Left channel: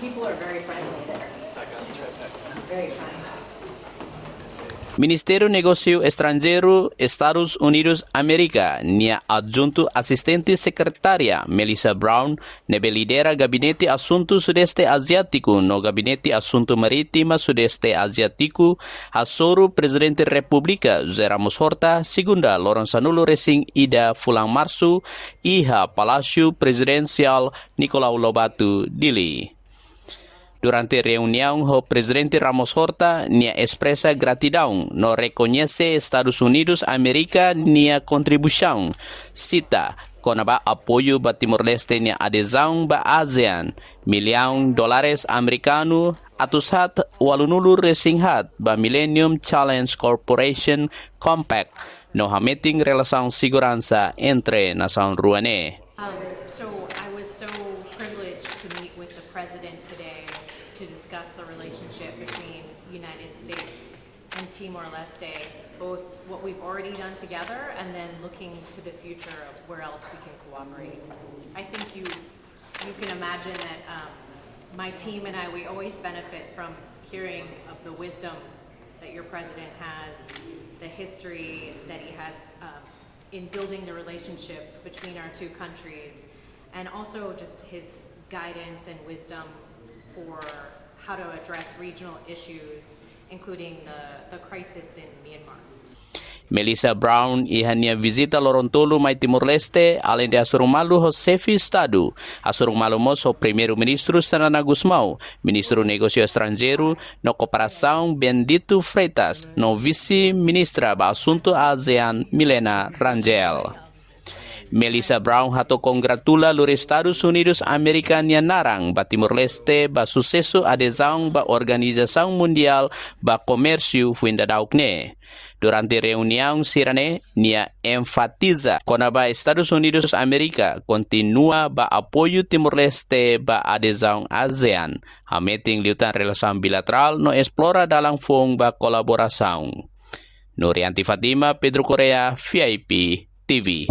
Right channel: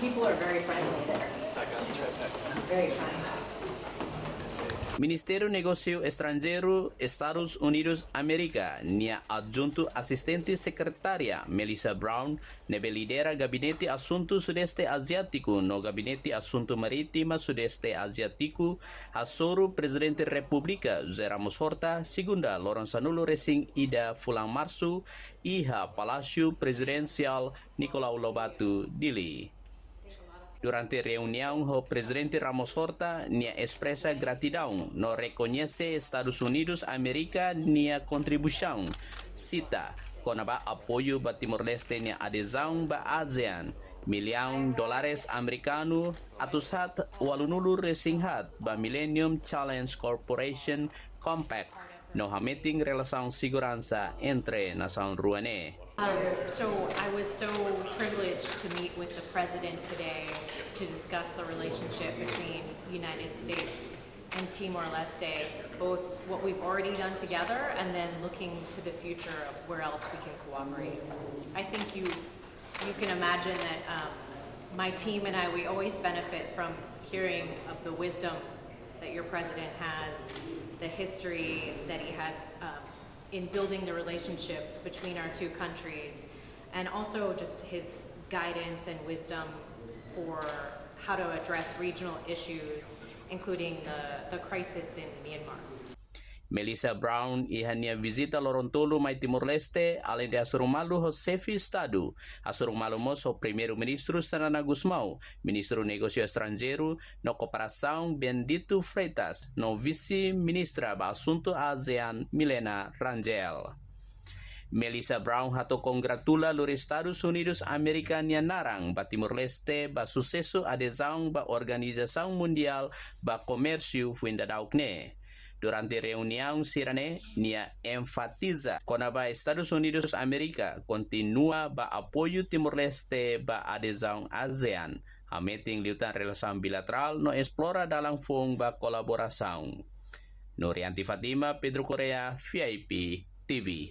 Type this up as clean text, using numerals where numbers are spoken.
People are very friendly there. Very kind. Ministerio Negócio Estrangeiro Estados Unidos América nia adjunto assistente secretaria Melissa Brown nebe lidera Gabinete Assunto Sudeste Asiático no Gabinete Assunto Maritima Sudeste Asiático hasoro Presidente República José Ramos Horta segunda Lorenzanulo Racing Ida Fulang Março iha Palácio Presidencial Nicolau Lobato Dili. Durante reunião, o presidente Ramos Horta nia expressa gratidão no reconhece Estados Unidos América nia contribuição. Cita, konaba apoio ba Timor-Leste nia adesão ba ASEAN, milhão dólares americano atushat walunulu resinghat ba Millennium Challenge Corporation Compact no hameting relasão segurança entre nação ruane. So I was so privileged to meet with the president today to discuss the relationship between United States and Timor-Leste, both what we've already done together and then looking to the future of where else we can cooperate. I think you can imagine that my team and I, we always benefit from hearing of the wisdom that your president has, the history that he has in building the relationship between our two countries, and also just his guidance and wisdom for how to address regional issues, including the crisis in Myanmar. Melissa Brown ihania visita Lorontolo mai Timor-Leste além de assurumalu ho chefe Estado, assurumalu mos ho primeiro-ministro Sanana Gusmão, ministro negócio estrangeiro no cooperação Bendito Freitas, no vice-ministra ba assunto ASEAN Milena Rangel. Melissa Brown hato congratula los Estados Unidos América nia narang ba Timor-Leste ba sucesso adesão ba Organização Mundial ba Comércio Fuindadaukne. Durante reunião sirane nia enfatiza konaba Estados Unidos América continua ba apoio Timor-Leste ba adesão ASEAN, hameting liutan relação bilateral no explora dalam fong ba kolaboração. Nurianti Fatima, Pedro Korea, VIP TV.